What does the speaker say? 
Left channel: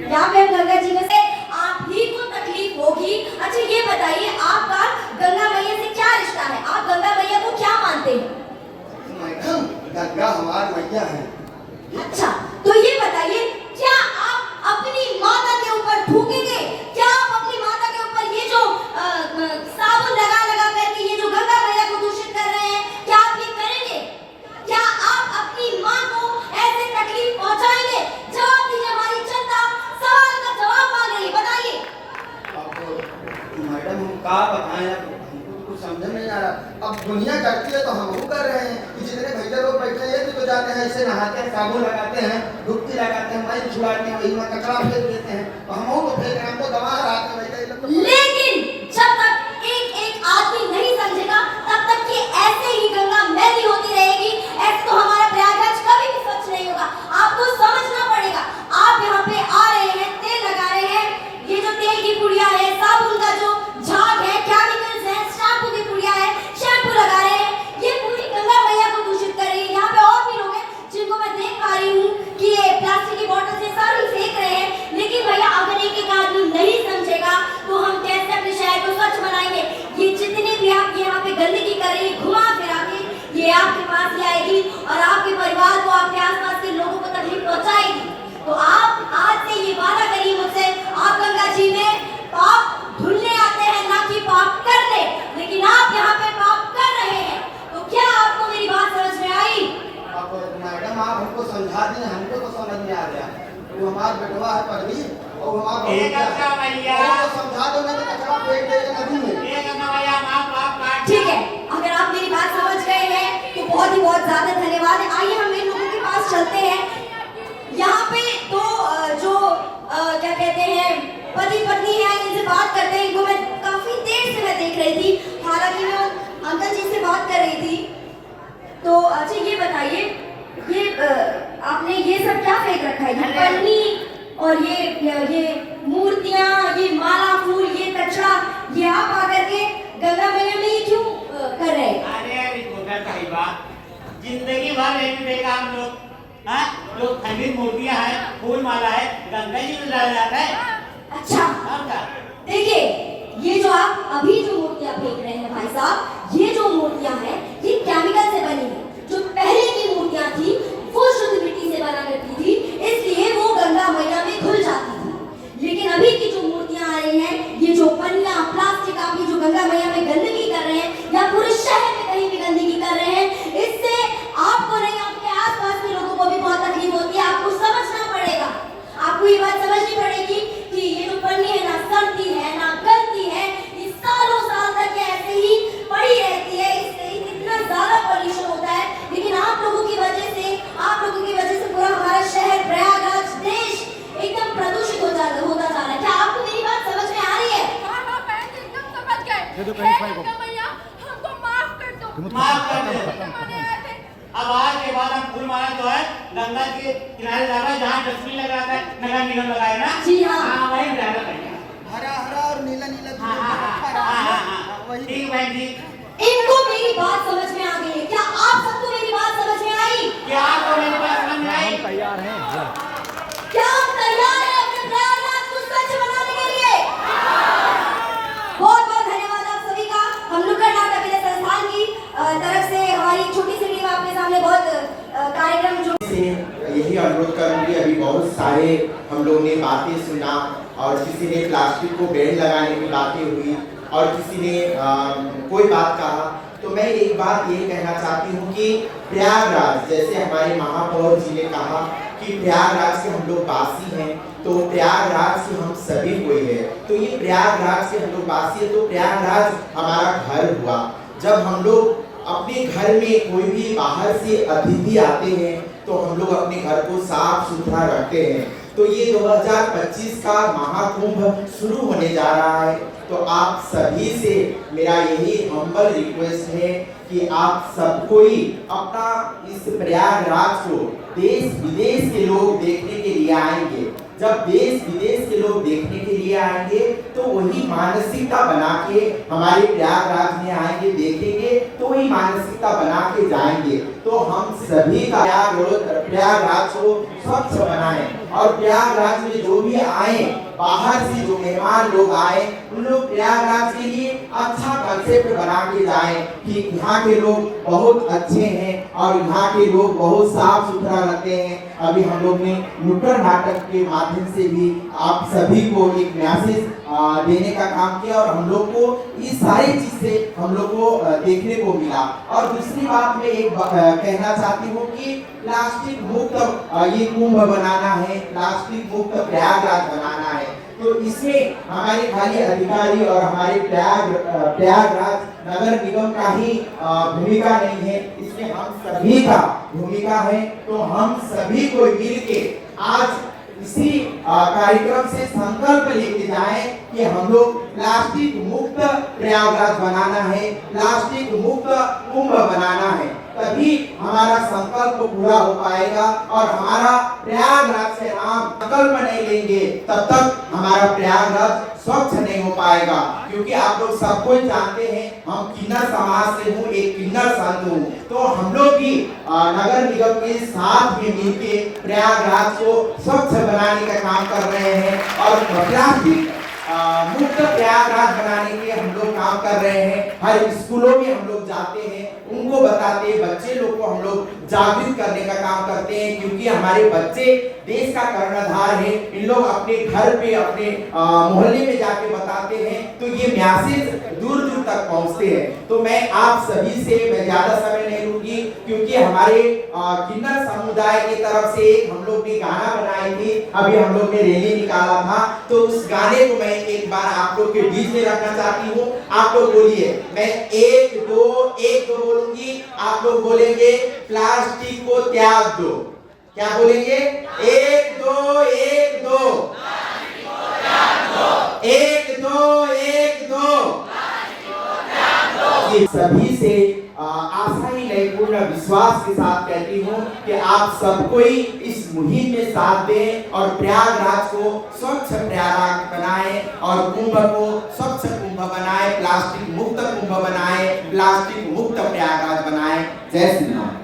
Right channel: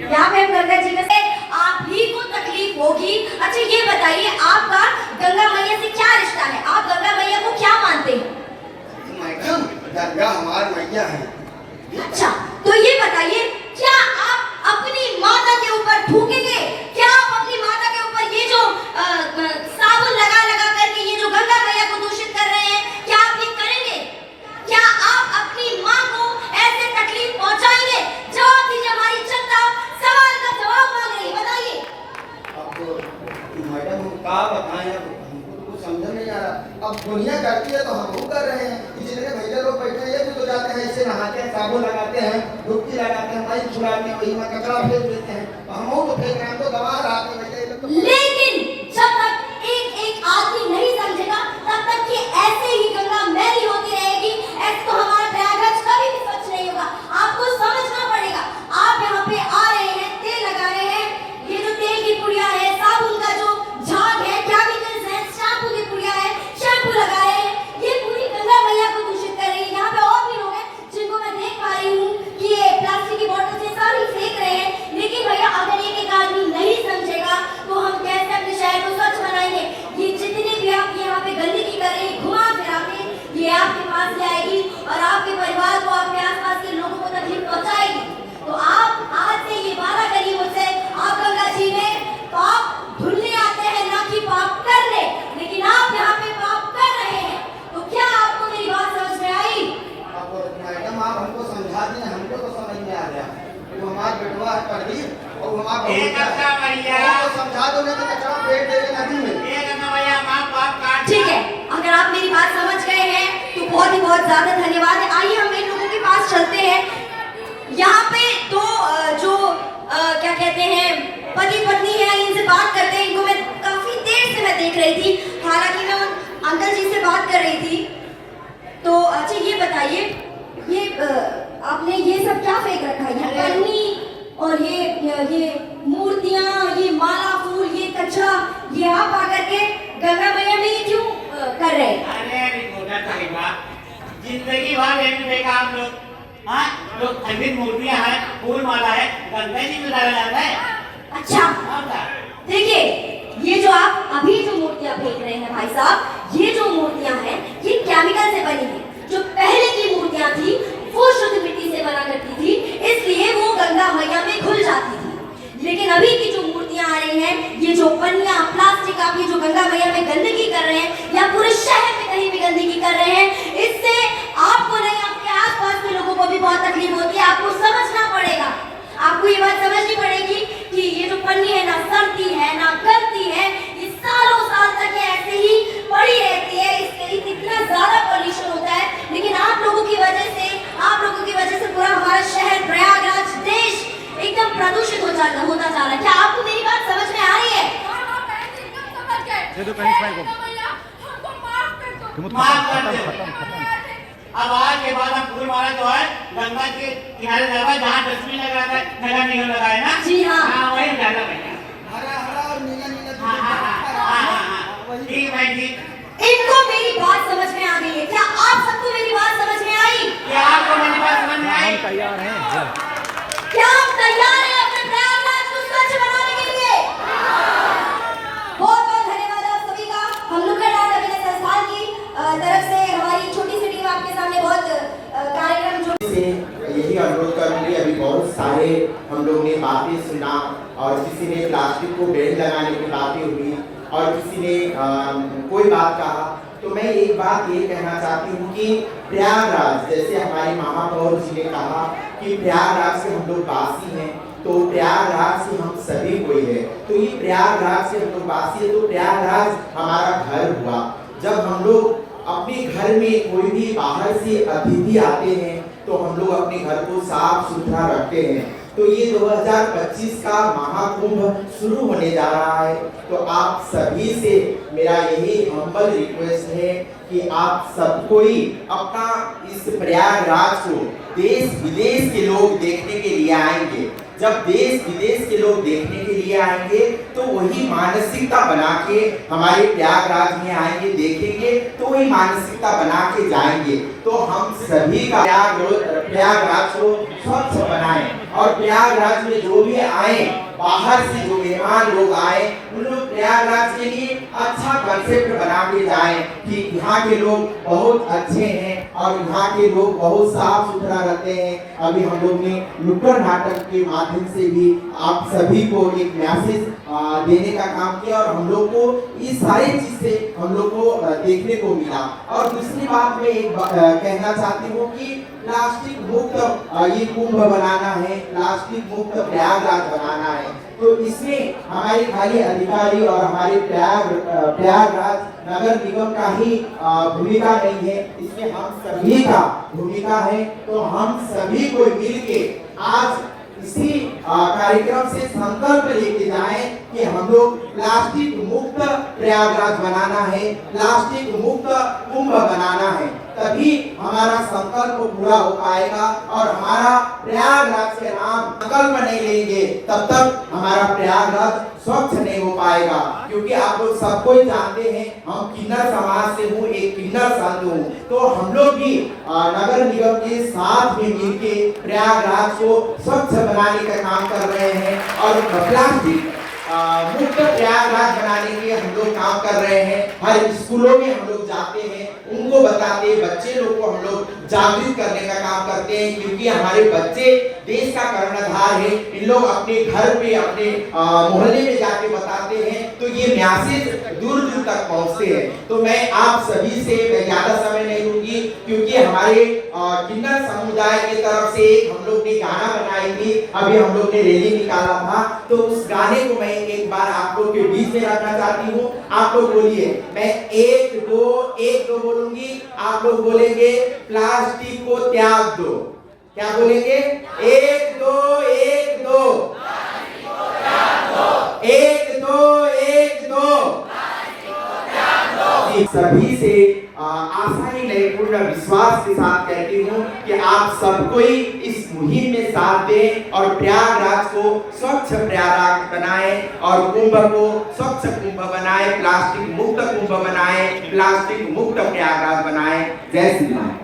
यहाँ पे गंगा जी में से आप ही को तकलीफ होगी। अच्छा ये बताइए आपका गंगा मैया से क्या रिश्ता है? आप गंगा मैया को क्या मानते हैं? मैडम गंगा हमारी मैया है। अच्छा तो ये बताइए क्या आप अपनी माता के ऊपर थूकेंगे? क्या आप अपनी माता के ऊपर ये जो साबुन लगा लगा करके ये जो गंगा मैया को दूषित कर रहे हैं, क्या आप ये करेंगे? क्या आप अपनी माँ को ऐसे तकलीफ पहुंचाएंगे? जवाब दीजिए, हमारी जनता सवाल का जवाब मांग रही है, बताइए। अब मैडम हम क्या बताएं, अब हमको कुछ समझ में नहीं आ रहा। अब दुनिया करती है तो हम वो कर रहे हैं। जितने भैया लोग बैठे हैं तो जाते हैं ऐसे नहाते हैं, साबुन लगाते हैं, डुबकी लगाते हैं, माइक छुड़ाते हैं, वही में कचरा फेंक देते हैं। तो हम तो फेंक रहे हैं, हमको दबा रहा है भैया। लेकिन जब तक एक एक आदमी नहीं समझेगा तब तक ये ऐसे ही गंगा मैली होती रहेगी। ऐसे तो हमारा प्रयागराज कभी भी स्वच्छ नहीं होगा। आपको समझना पड़ेगा। आप यहाँ पे आ रहे हैं, तेल लगा रहे हैं, ये जो तेल की पुड़िया है, साबुन का जो झाग है, केमिकल्स है, शैम्पू की पुड़िया है, शैम्पू लगा रहे हैं, ये पूरी गंगा मैया को दूषित कर रही है। यहाँ पे और भी लोग हैं जिनको मैं देख पा रही हूँ कि ये प्लास्टिक की बोतल से सारी फेंक रहे हैं। लेकिन भैया अगर एक एक आदमी नहीं समझेगा तो हम कैसे अपने शहर को स्वच्छ बनाएंगे? ये जितने भी आप यहाँ पे गंदगी कर रहे हैं, घुमा फिरा के ये आपके पास ही आएगी और आपके परिवार को, आपके आसपास के लोगों को तकलीफ पहुंचाएगी। तो आप आज से ये वादा करिए मुझसे, आप गंगा जी में पाप धुलने आते हैं ना कि पाप करने। लेकिन आप यहाँ पे पाप कर रहे हैं। तो क्या आपको मेरी बात समझ में आई? अब मैडम आप हमको समझा दी, हमको तो समझ में आ गया। वो हमारा बेटवा है पढ़ी और हमारा समझा दो, नहीं तो कचरा फेंक देंगे नदी में। ठीक है, अगर आप मेरी बात समझ गए हैं तो बहुत ही बहुत ज्यादा धन्यवाद है। आइए हम इन लोगों के पास चलते हैं। यहाँ पे दो जो क्या कहते हैं पति पत्नी है, इनसे बात करते हैं। इनको मैं काफी देर से मैं देख रही थी, हालांकि मैं अंकल जी से बात कर रही थी। तो अच्छा ये बताइए, ये आपने ये सब क्या फेंक रखा है? ये पन्नी और ये मूर्तियाँ, ये माला फूल, ये कचरा, ये आप आकर के गंगा मैया में ये क्यों कर रहे हैं? अरे बात जिंदगी भर एक देखा हम लोग, हाँ लोग खंडित मूर्तियाँ हैं, फूल माला है, गंगा जी में डाला जाता है। अच्छा देखिए, ये जो आप अभी जो मूर्तियाँ फेंक रहे हैं भाई साहब, ये जो मूर्तियाँ हैं ये केमिकल से बनी है। जो पहले की मूर्तियाँ थी वो शुद्ध मिट्टी से बना करती थी, इसलिए वो गंगा मैया में घुल जाती थी। लेकिन अभी की जो मूर्तियाँ आ रही हैं, ये जो पन्नियाँ प्लास्टिक आप ये जो गंगा मैया में गंदगी कर रहे हैं या पूरे शहर में कहीं भी गंदगी कर रहे हैं, इससे आपको नहीं आपके आसपास के लोगों को भी बहुत तकलीफ होती है। आपको समझना पड़ेगा, आपको ये बात समझनी पड़ेगी कि ये जो पन्नी है ना सड़ती है ना गलती है, ये सालों साल तक ऐसे ही पड़ी रहती है। इससे इतना ज्यादा पॉल्यूशन होता है। लेकिन आप लोगों की वजह से पूरा हमारा शहर, प्रयागराज, देश एकदम प्रदूषित होता जा रहा है। क्या आपको मेरी बात समझ में आ रही है? एकदम समझ गए। भैया हमको माफ कर दो। माफ कर दे। अब आज के बाद हम फूल माला जो है गंगा के किनारे जाएगा, जहाँ डस्टबिन लगाया है, नगर निगम लगाया ना, जी हाँ, वही जाएगा भैया। हरा हरा और नीला नीला ठीक है जी। इनको मेरी बात समझ में आ गई है? क्या आप सबको मेरी बात समझ में आई? क्या आपको मेरी बात समझ में आई? क्या आप तैयार हैं अपने प्रयागराज को स्वच्छ बनाने के लिए? बहुत बहुत धन्यवाद आप सभी का। हम नुक्कड़ नाटक अभिनय संस्थान की तरफ से हमारी छोटी सी टीम आपके सामने बहुत कार्यक्रम जो यही अनुरोध करूंगी। अभी बहुत सारे हम लोग ने बातें सुना और किसी ने प्लास्टिक को बैन लगाने की बातें हुई और किसी ने कोई बात कहा। तो मैं एक बात ये कहना चाहती हूँ कि प्रयागराज, जैसे हमारे महापौर जी ने कहा कि प्रयागराज के हम लोग वासी हैं, तो प्रयागराज से हम सभी कोई है। तो ये प्रयागराज के हम लोग वासी है, तो प्रयागराज हमारा घर हुआ। जब हम लोग अपने घर में कोई भी बाहर से अतिथि आते हैं तो हम लोग अपने घर को साफ सुथरा रखते हैं। तो ये 2025 का महाकुंभ शुरू होने जा रहा है, तो आप सभी से मेरा यही हम्बल रिक्वेस्ट है कि आप सब कोई अपना इस प्रयागराज को देश विदेश के लोग देखने के लिए आएंगे। जब देश विदेश के लोग देखने के लिए आएंगे तो वही मानसिकता बना के हमारे प्रयागराज में आएंगे, देखेंगे तो वही मानसिकता बना के जाएंगे। तो हम सभी का प्रयागराज को स्वच्छ बनाएं और प्रयागराज में जो भी आए, बाहर से जो मेहमान लोग आए, उन लोग प्रयागराज के लिए अच्छा कंसेप्ट बना के जाएं कि यहाँ के लोग बहुत अच्छे हैं और यहाँ के लोग बहुत साफ सुथरा रहते हैं। अभी हम लोग ने नुक्कड़ नाटक के माध्यम से भी आप सभी को एक मैसेज देने का काम किया और हम लोग को ये सारी चीज से हम लोग को देखने को मिला। और दूसरी बात मैं एक कहना चाहती हूँ कि प्लास्टिक मुक्त ये कुंभ बनाना है, प्लास्टिक मुक्त प्रयागराज बनाना है। तो इसमें हमारे खाली अधिकारी और हमारे प्रयागराज नगर निगम का ही भूमिका नहीं है, इसमें हम सभी का भूमिका है। तो हम सभी को मिलके आज इसी कार्यक्रम से संकल्प लेके जाएं कि हम लोग प्लास्टिक मुक्त प्रयागराज बनाना है, प्लास्टिक मुक्त कुंभ बनाना है, तभी हमारा संकल्प पूरा हो पाएगा। और हमारा प्रयागराज से हम संकल्प नहीं लेंगे तब तक हमारा प्रयागराज स्वच्छ नहीं हो पाएगा। क्योंकि आप लोग सबको जानते हैं हम किन्नर समाज से हूँ, एक किन्नर संत हूँ, तो हम लोग भी नगर निगम के साथ में मिलके प्रयागराज को स्वच्छ बनाने का काम कर रहे हैं और प्लास्टिक मुक्त प्रयागराज बनाने के हम लोग काम कर रहे हैं। हर स्कूलों में हम लोग जाते हैं, उनको बताते हैं, बच्चे लोग को हम लोग जागरूक करने का काम करते हैं। क्योंकि हमारे बच्चे देश का कर्णधार है, इन लोग अपने घर पे अपने मोहल्ले में जाके बताते हैं तो ये मैसेज दूर दूर तक पहुंचते हैं। तो मैं आप सभी से मैं ज्यादा समय नहीं लूंगी क्योंकि हमारे किन्नर समुदाय की तरफ से हम लोग ने गाना बनाई थी, अभी हम लोग ने रैली निकाला था, तो उस गाने को मैं एक बार आप लोग के बीच में रखना चाहती हूँ। आप लोग बोलिए, मैं 1 2 बोलूंगी, आप लोग बोलेंगे प्लास्टिक को त्याग दो। क्या बोलेंगे? 1 2 1 2 1 2 1 2। सभी से आशा ही नहीं पूर्ण विश्वास के साथ कहती हूँ कि आप सब कोई इस मुहिम में साथ दें और प्रयागराज को स्वच्छ प्रयागराज बनाएं और कुंभ को स्वच्छ कुंभ बनाएं, प्लास्टिक मुक्त कुंभ बनाएं, प्लास्टिक मुक्त प्रयागराज बनाएं। जय श्री राम।